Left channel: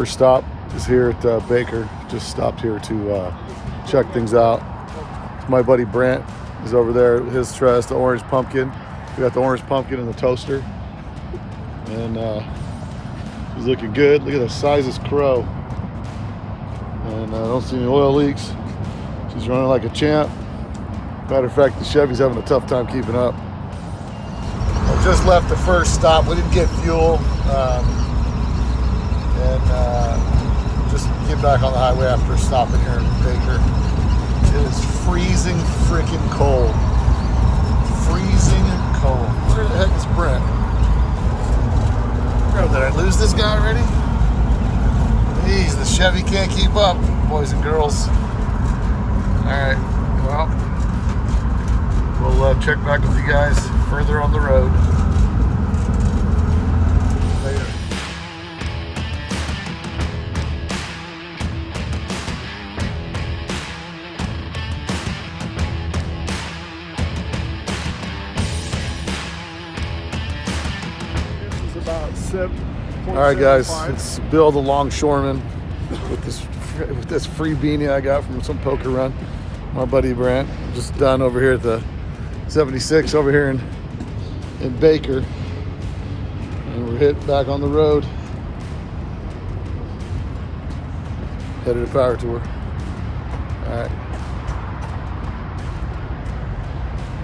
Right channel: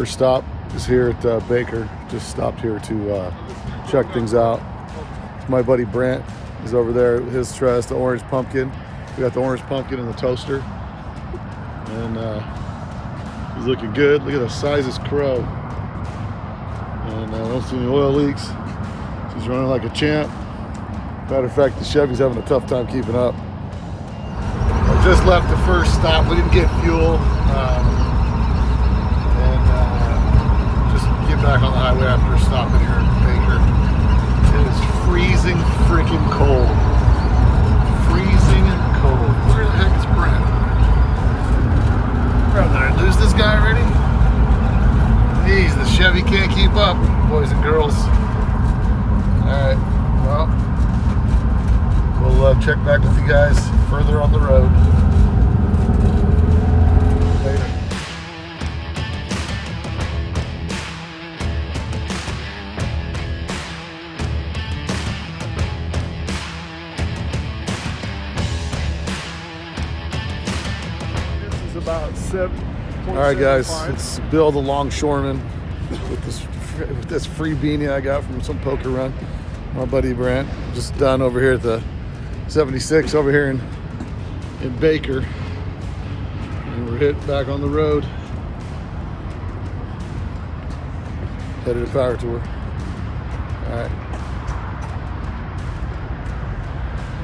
First stop is here at Baker. Just stopped here to check things out. My buddy Brent is over there. His tries the orange pumpkin. We got the orange pumpkin in the toaster, and he's looking good. Look at the size of this crow, and I don't see any oil leaks. She's running like a champ. Matter of fact, the Chevy's having a tough time keeping up. I just left the first stop. We didn't get fuel, and just get back on the highway after stopping here in Baker. It is freezing freaking cold. Freezing cold. Where the heck is Brent? Oh, did I lose this guy already? Jeez, the Chevy can't keep up, boys and girls. Alright, well, we'll check back with you guys further on the road. Later. About 7. All right, guys, it's Bill the Longshoreman with this free beanie I got from some poker run. My buddy Brent, just done over here at the 76 over here in Baker, and we're hitting back on the road, headed to Power Tour.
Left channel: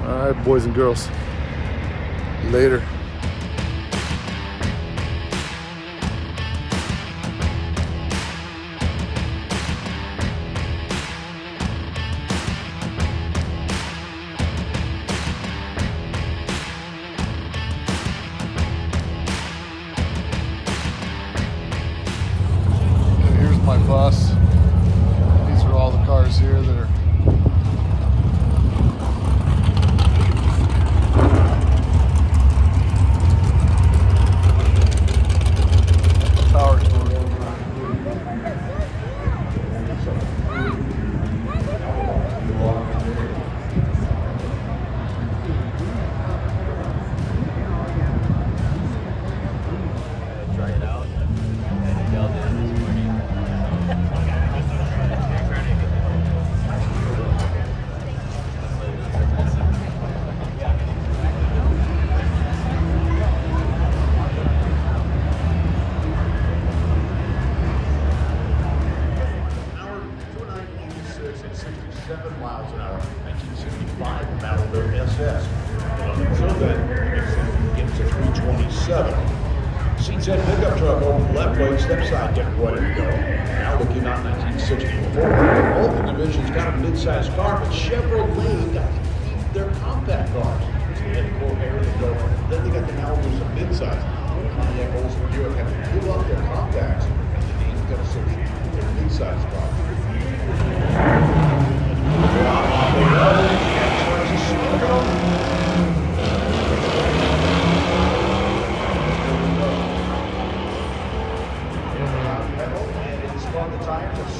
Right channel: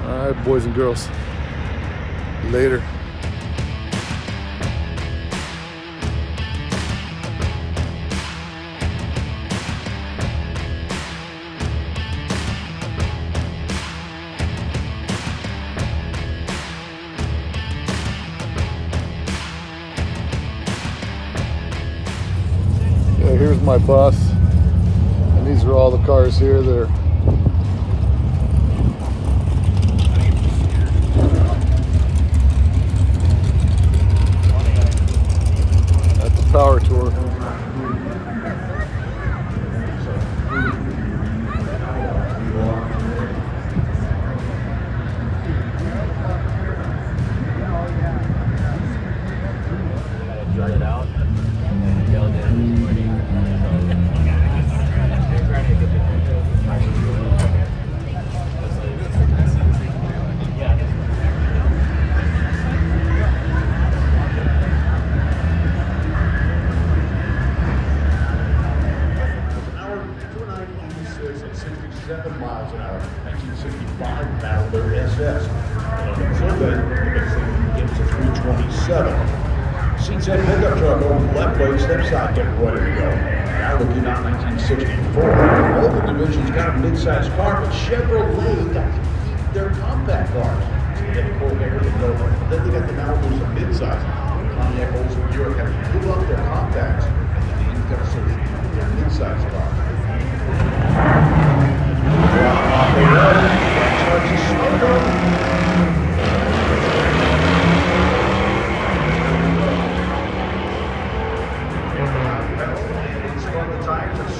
All right, boys and girls. Later. Here's my bus, and these are all the cars here that are at the Power Tour. Miles an hour, 1965 Malibu SS. And until then, it gets to 327. Seats and pickup truck over the left lane, step side getting ready to go. Now looking at 1964. All the divisions got a mid-sized car, but Chevrolet got to keep their compact cars. So you get the Corvair, the Nova. Then they got the Malibus and mid-size. The Pontiac Olds of Europe have to give up their compacts, and the names got associated with their mid-sized cars.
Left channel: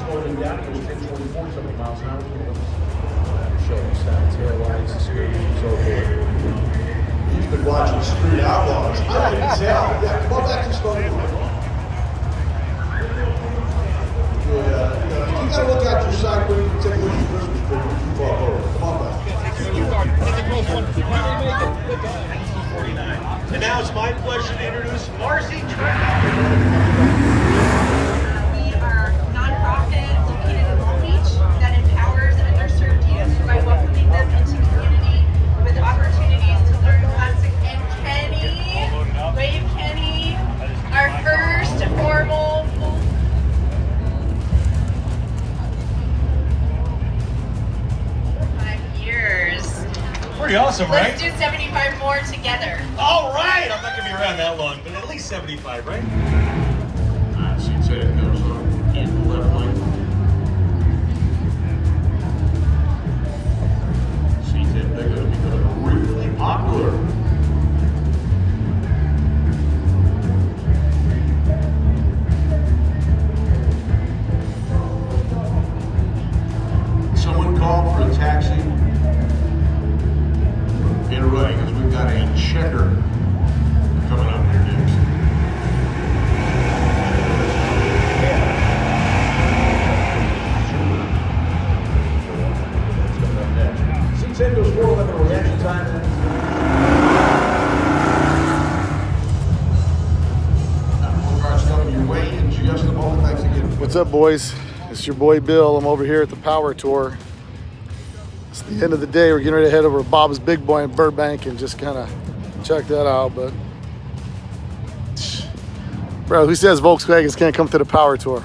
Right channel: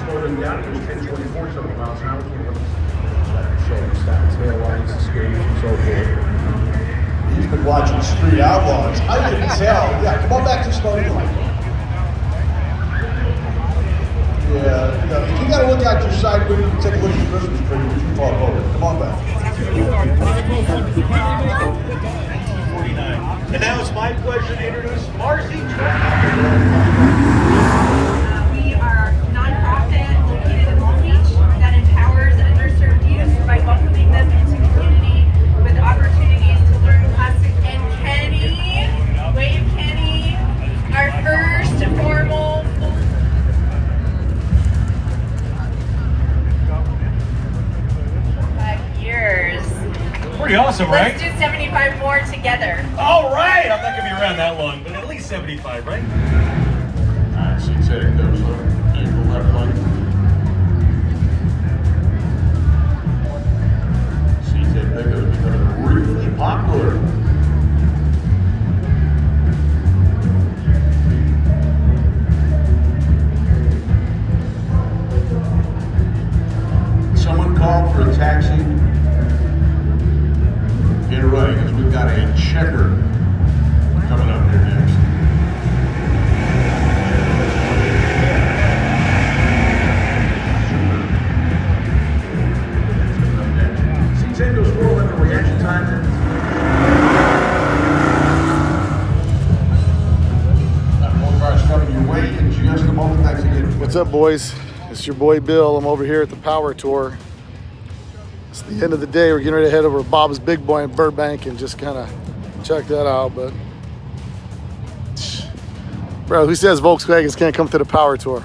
Slowing down, it was 1024 something miles an hour. Showing stop tail lights, escapes, and so forth. He's been watching Street Outlaws. I can tell. Yeah, come on back to Stony Line. Yeah, no, if you got to look out your side window and take a look at the Christmas tree, you can fall over. Come on back. 1949. And now it's my pleasure to introduce Marcy We are a nonprofit located in Long Beach that empowers underserved youth by welcoming them into community with opportunities to learn plus. And Kenny, wave Kenny, our first formal 5 years. Pretty awesome, right? Let's do 75 more together. All right. I'm not going to be around that long, but at least 75, right? Seats headed goes in the left lane. Seats head pickup is becoming really popular. Someone called for a taxi. Get ready, because we've got a checker coming up here next. What's up, boys? It's your boy Bill. I'm over here at the Power Tour. It's the end of the day. We're getting ready to head over to Bob's Big Boy in Burbank and just kind of check that out. But, bro, who says Volkswagens can't come to the Power Tour?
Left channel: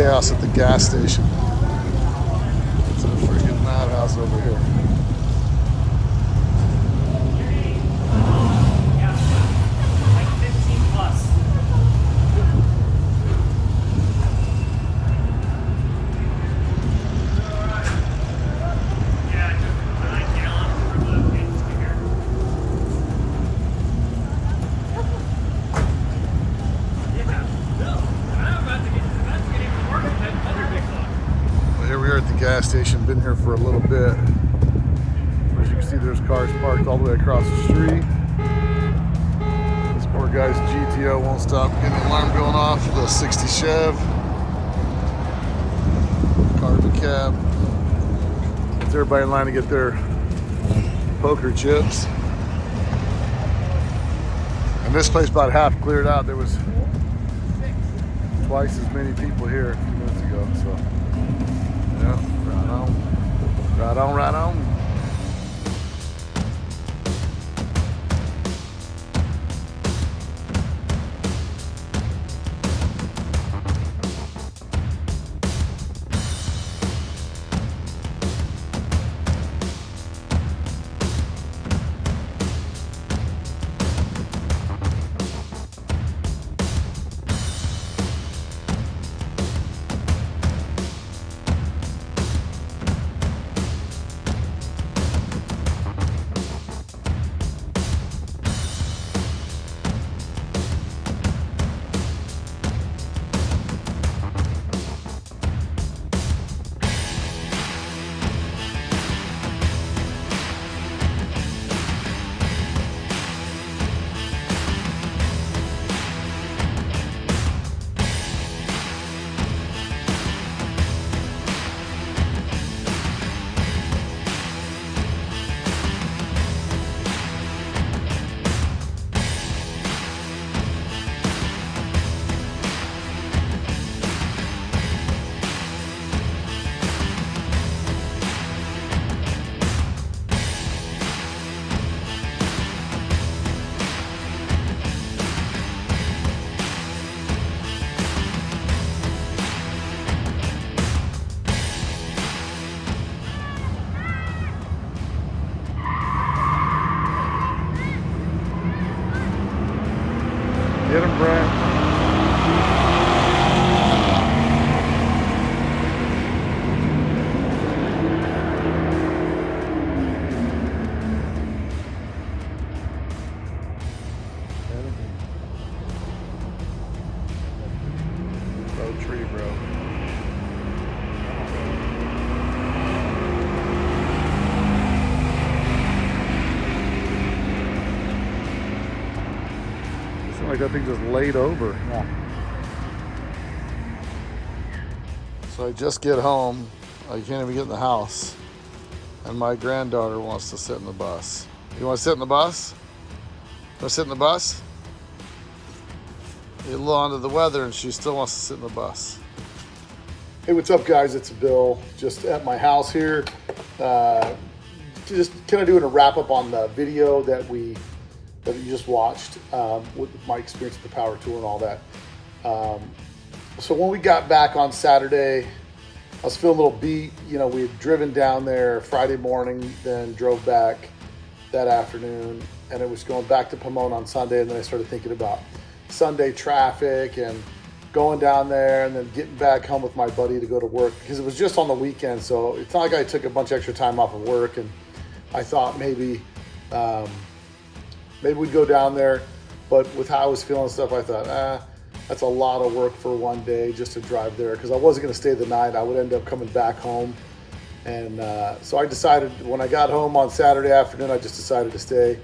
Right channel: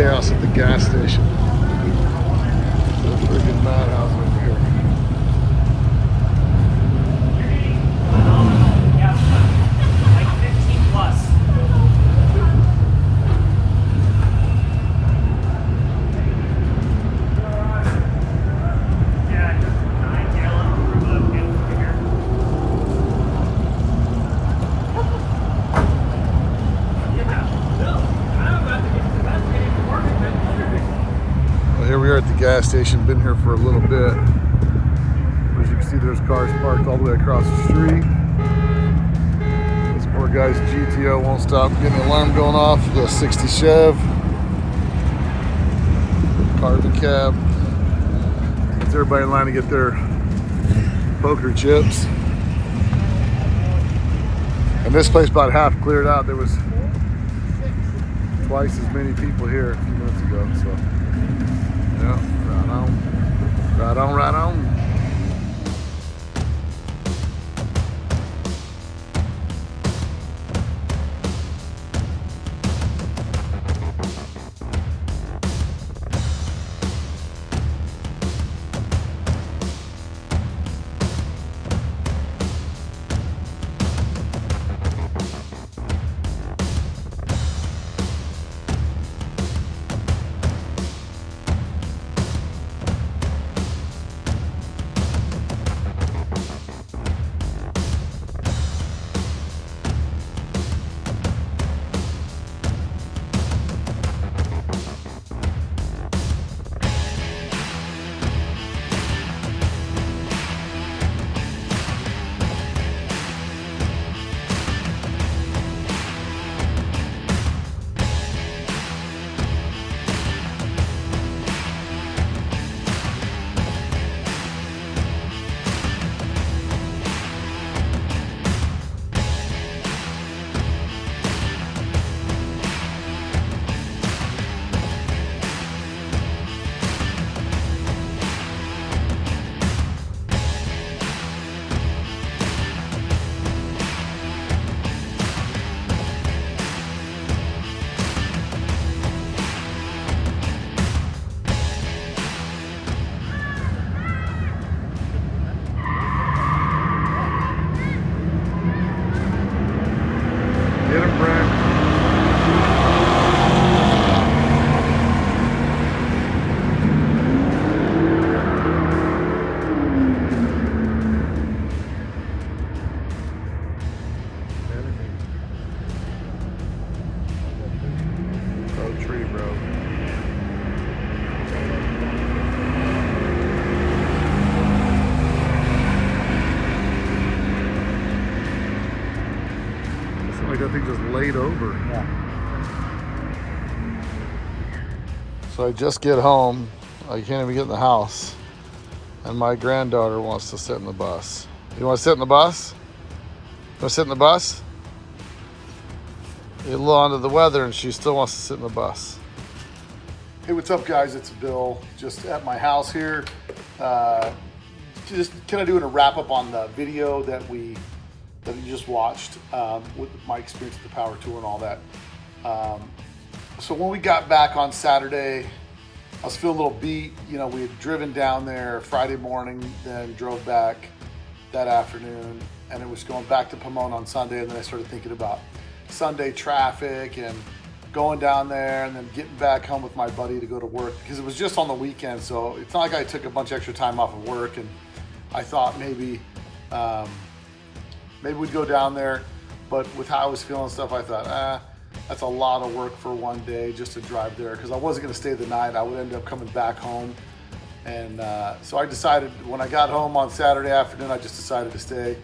chaos at the gas station. It's a freaking madhouse over here. Here we are at the gas station, been here for a little bit. As you can see, there's cars parked all the way across the street. This poor guy's GTO won't stop getting the alarm going off. The 60 Chev. Carbon cab. There's everybody in line to get their poker chips. And this place about half cleared out. There was twice as many people here a few minutes ago, so. Yeah, right on. Right on, right on. Get him, Brent. Oh, tree, bro. Like that thing just laid over. Yeah. So I just get home. I can't even get in the house. And my granddaughter wants to sit in the bus. You want to sit in the bus? You want to sit in the bus? You're a little under the weather and she still wants to sit in the bus. Hey, what's up, guys? It's Bill, just at my house here. Just kind of doing a wrap up on the video that you just watched with my experience with the power tour and all that. So when we got back on Saturday, I was feeling a little beat. You know, we had driven down there Friday morning, then drove back that afternoon, and it was going back to Pomona on Sunday. And then I started thinking about Sunday traffic and going down there and then getting back home with my buddy to go to work, because it was just on the weekend. So it's not like I took a bunch of extra time off of work, and I thought maybe we'd go down there, but with how I was feeling and stuff, I thought, that's a lot of work for one day just to drive there, because I wasn't gonna stay the night. I would end up coming back home. And so I decided, when I got home on Saturday afternoon, I just decided to stay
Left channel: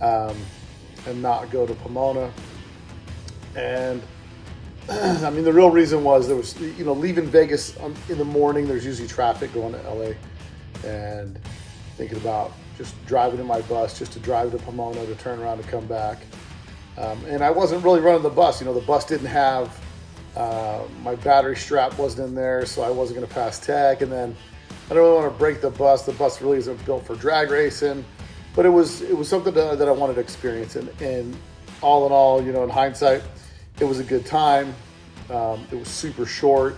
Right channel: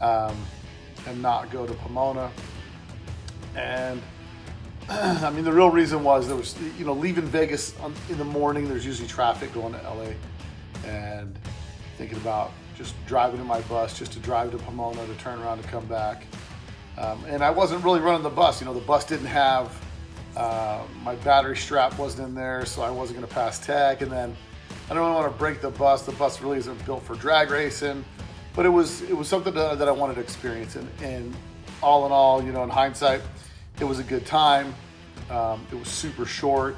and not go to Pomona. And I mean, the real reason was there was, you know, leaving Vegas in the morning, there's usually traffic going to LA, and thinking about just driving in my bus just to drive to Pomona to turn around and come back. And I wasn't really running the bus. You know, the bus didn't have, my battery strap wasn't in there, so I wasn't gonna pass tech. And then I don't really want to break the bus. The bus really isn't built for drag racing, but it was something that I wanted to experience. And all in all, you know, in hindsight, it was a good time. It was super short.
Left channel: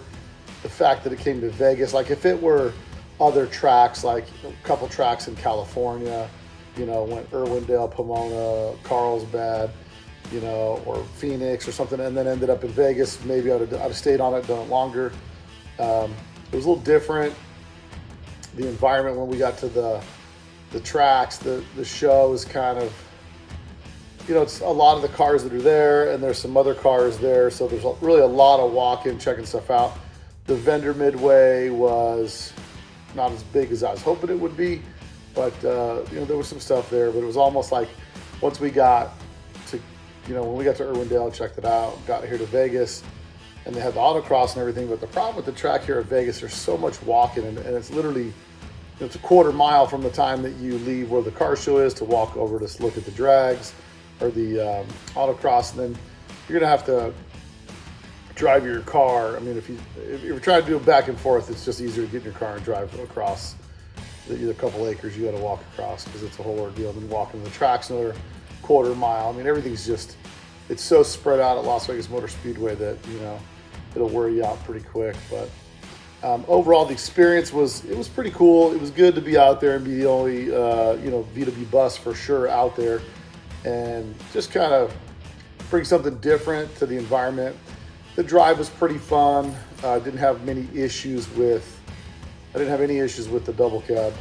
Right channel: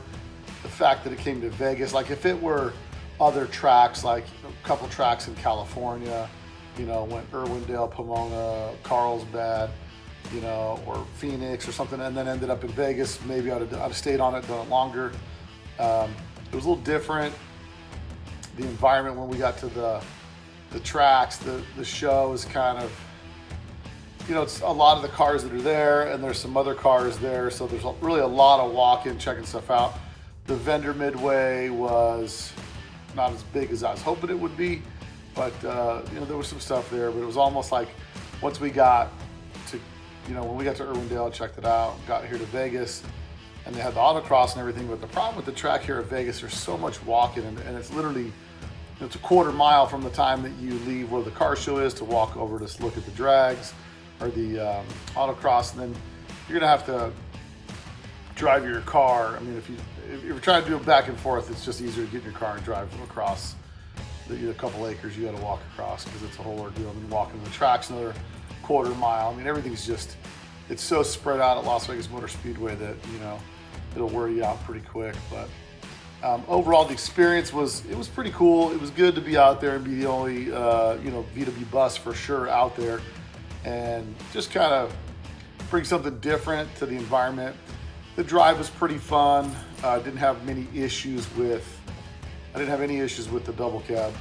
the fact that it came to Vegas. Like if it were other tracks, like a couple tracks in California, you know, went Irwindale, Pomona, Carlsbad, you know, or Phoenix or something, and then ended up in Vegas, maybe I'd have stayed on it, done it longer. It was a little different. The environment when we got to the tracks, the show was kind of, you know, it's a lot of the cars that are there, and there's some other cars there, so there's really a lot of walking, checking stuff out. The vendor midway was not as big as I was hoping it would be, but you know, there was some stuff there, but it was almost like once we got to, you know, when we got to Irwindale, checked it out, got here to Vegas, and they had the autocross and everything, but the problem with the track here at Vegas, there's so much walking, and it's literally, it's a quarter mile from the time that you leave where the car show is to walk over to look at the drags or the autocross, and then you're gonna have to drive your car. I mean, if you're trying to do it back and forth, it's just easier to get in your car and drive across a couple acres. You got to walk across because it's a whole ordeal. And then walking the tracks another quarter mile. I mean, everything's just, it's so spread out at Las Vegas Motor Speedway that, you know, it'll wear you out pretty quick. But overall, the experience was pretty cool. It was good to be out there and be the only you know, VW bus for sure out there, and just kind of bring something different to the environment. The drive was pretty fun. I didn't have any issues with the double cab.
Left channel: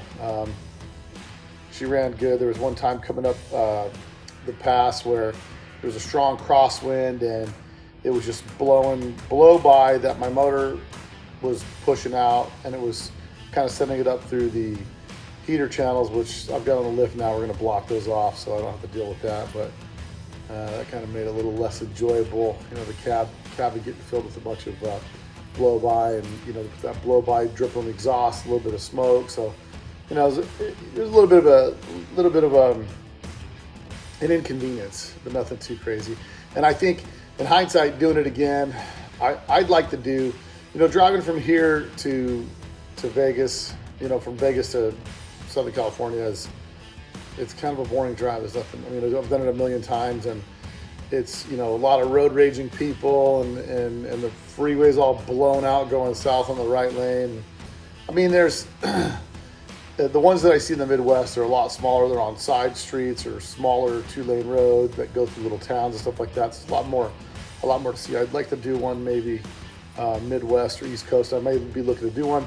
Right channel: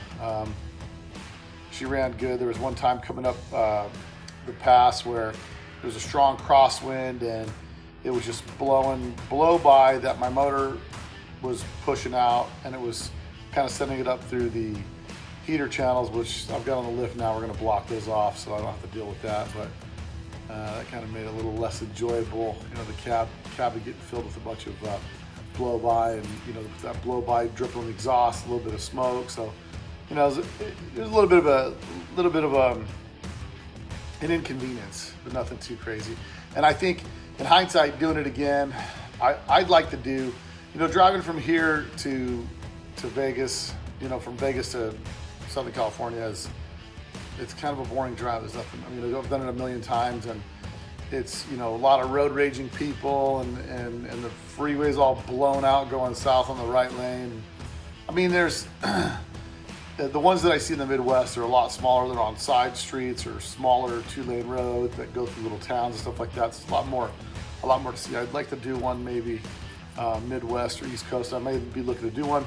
She ran good. There was one time coming up the pass where there was a strong crosswind and it was just blow by that my motor was pushing out, and it was kind of sending it up through the heater channels, which I've got on the lift now. We're going to block those off so I don't have to deal with that, but that kind of made it a little less enjoyable. You know, the cab getting filled with a bunch of blow by, and you know, that blow by dripping exhaust, a little bit of smoke. So, you know, it was a little bit of an inconvenience, but nothing too crazy. And I think in hindsight, doing it again, I'd like to do, you know, driving from here to Vegas, you know, from Vegas to Southern California it's kind of a boring drive. There's nothing, I mean, I've done it a million times, and it's, you know, a lot of road raging people, and the freeway's all blown out going south on the right lane. I mean, there's the ones that I see in the Midwest are a lot smaller. They're on side streets or smaller 2-lane roads that go through little towns and stuff like that. So it's a lot more to see. I'd like to do one maybe Midwest or East Coast. I may be looking to do one.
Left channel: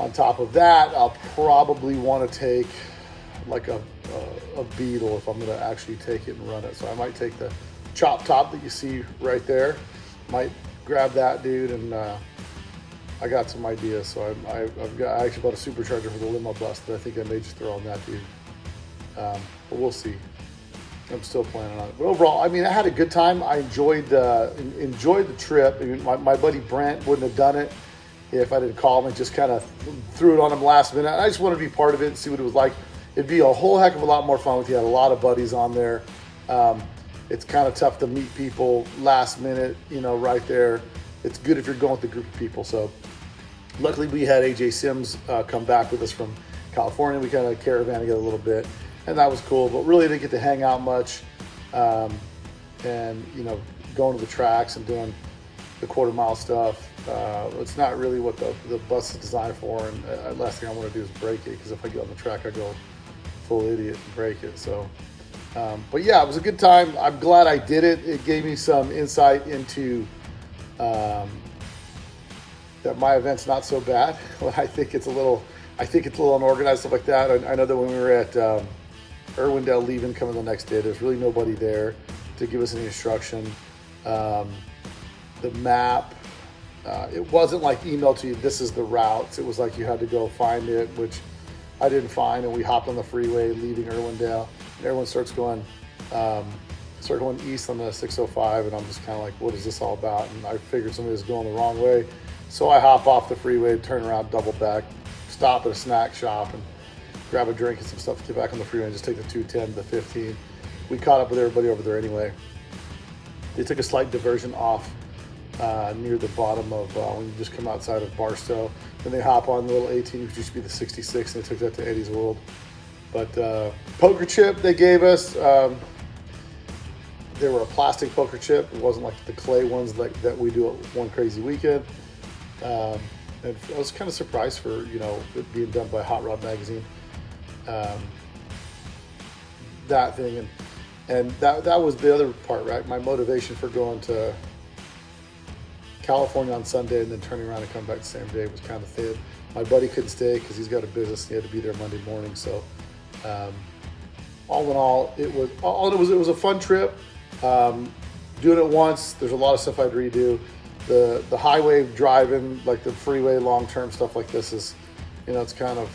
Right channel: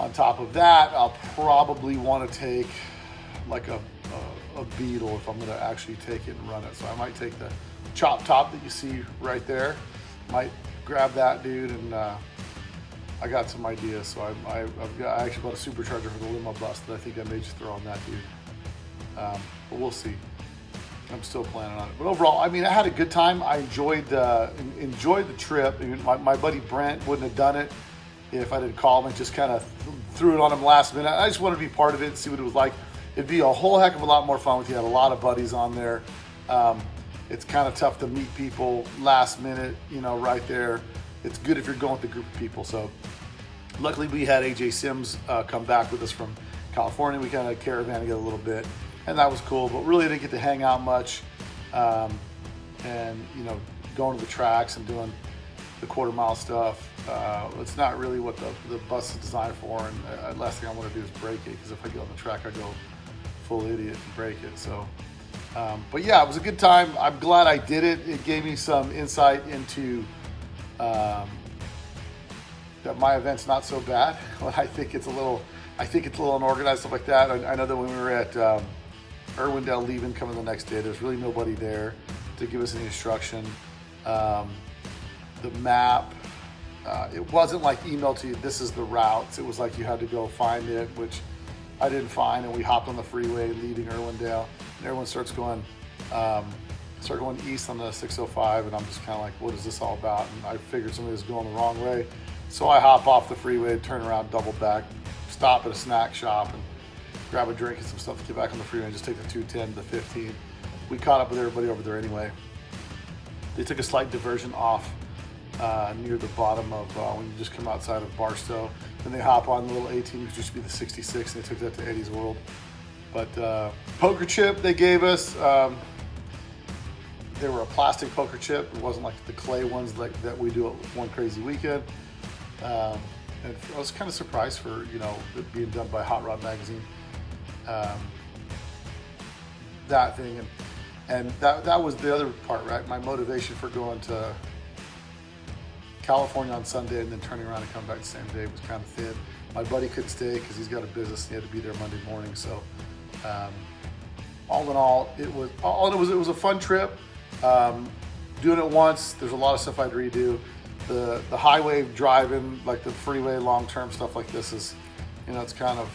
On top of that, I'll probably want to take like a Beetle if I'm going to actually take it and run it. So I might take the chop top that you see right there. Might grab that dude, and I got some ideas. So I actually bought a supercharger for the limo bus that I think I may just throw on that dude. But we'll see. I'm still planning on it. But overall, I mean, I had a good time. I enjoyed the trip. I mean, my buddy Brent wouldn't have done it if I didn't call him and just kind of threw it on him last minute. I just wanted to be part of it and see what it was like. It'd be a whole heck of a lot more fun with you. I had a lot of buddies on there. It's kind of tough to meet people last minute, you know, right there. It's good if you're going with a group of people. So luckily we had AJ Sims come back with us from California. We kind of caravan together a little bit, and that was cool, but really didn't get to hang out much. And, you know, going to the tracks and doing the quarter mile stuff. It's not really what the bus is designed for, and the last thing I want to do is break it, because if I get on the track, I go full idiot and break it. So, but yeah, it was a good time. I'm glad I did it. It gave me some insight into that my event's not so bad. I think it's a little unorganized, stuff like that. I know that when we were at Irwindale leaving, coming the next day, there's really nobody there to give us any instruction. The map, it wasn't like emailed to you, this is the routes. It was like you had to go find it, which I didn't find, and we hopped on the freeway leaving Irwindale, and everyone starts going east on the 605, and I'm just kind of like, what is this all about? And I figured somebody was going the wrong way, so I hop off the freeway, turn around, double back, stop at a snack shop, and grab a drink and some stuff, get back on the freeway, and just take the 210 to 15. We caught up with everybody over there anyway. They took a slight diversion off near the bottom of when you just come outside of Barstow. Then they hop on the little 18, which used to be the 66, and they took that to Eddie's World. But poker chip they gave us, they were a plastic poker chip. It wasn't like the clay ones that we do at One Crazy Weekend. And I was kind of surprised for, you know, it being done by Hot Rod Magazine. That thing, and that was the other part, right? My motivation for going to California on Sunday and then turning around and coming back the same day was kind of thin. My buddy couldn't stay because he's got a business. He had to be there Monday morning. So, all in all, it was a fun trip. Doing it once, there's a lot of stuff I'd redo. The highway driving, like the freeway, long-term stuff like this is, you know, it's kind of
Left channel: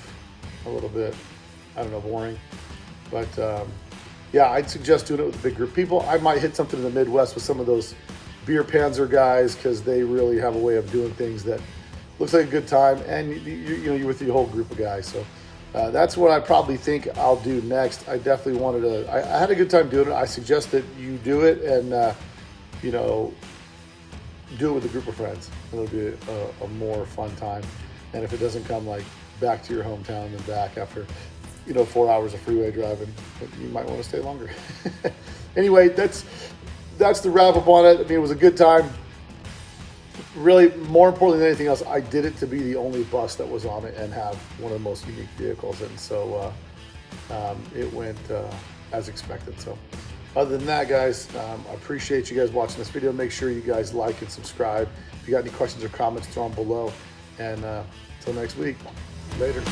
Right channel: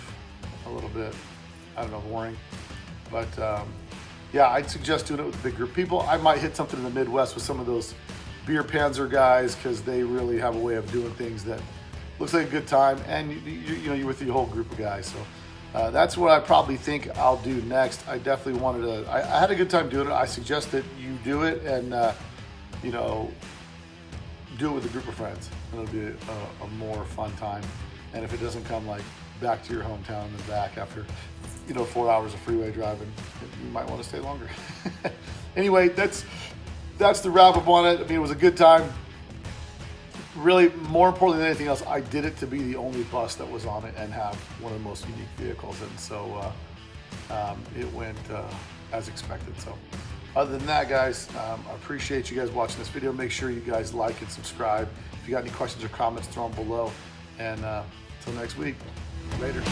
a little bit, I don't know, boring. But yeah, I'd suggest doing it with a big group of people. I might hit something in the Midwest with some of those beer panzer guys because they really have a way of doing things that looks like a good time, and you know, you're with the whole group of guys. So that's what I probably think I'll do next. I definitely wanted to. I had a good time doing it. I suggest that you do it, and you know, do it with a group of friends. It'll be a more fun time. And if it doesn't come like back to your hometown and then back after, you know, 4 hours of freeway driving, you might want to stay longer. Anyway, that's the wrap up on it. I mean, it was a good time. Really, more importantly than anything else, I did it to be the only bus that was on it and have one of the most unique vehicles. And so it went as expected. So other than that, guys, I appreciate you guys watching this video. Make sure you guys like and subscribe. If you got any questions or comments, throw them below. And until next week, later.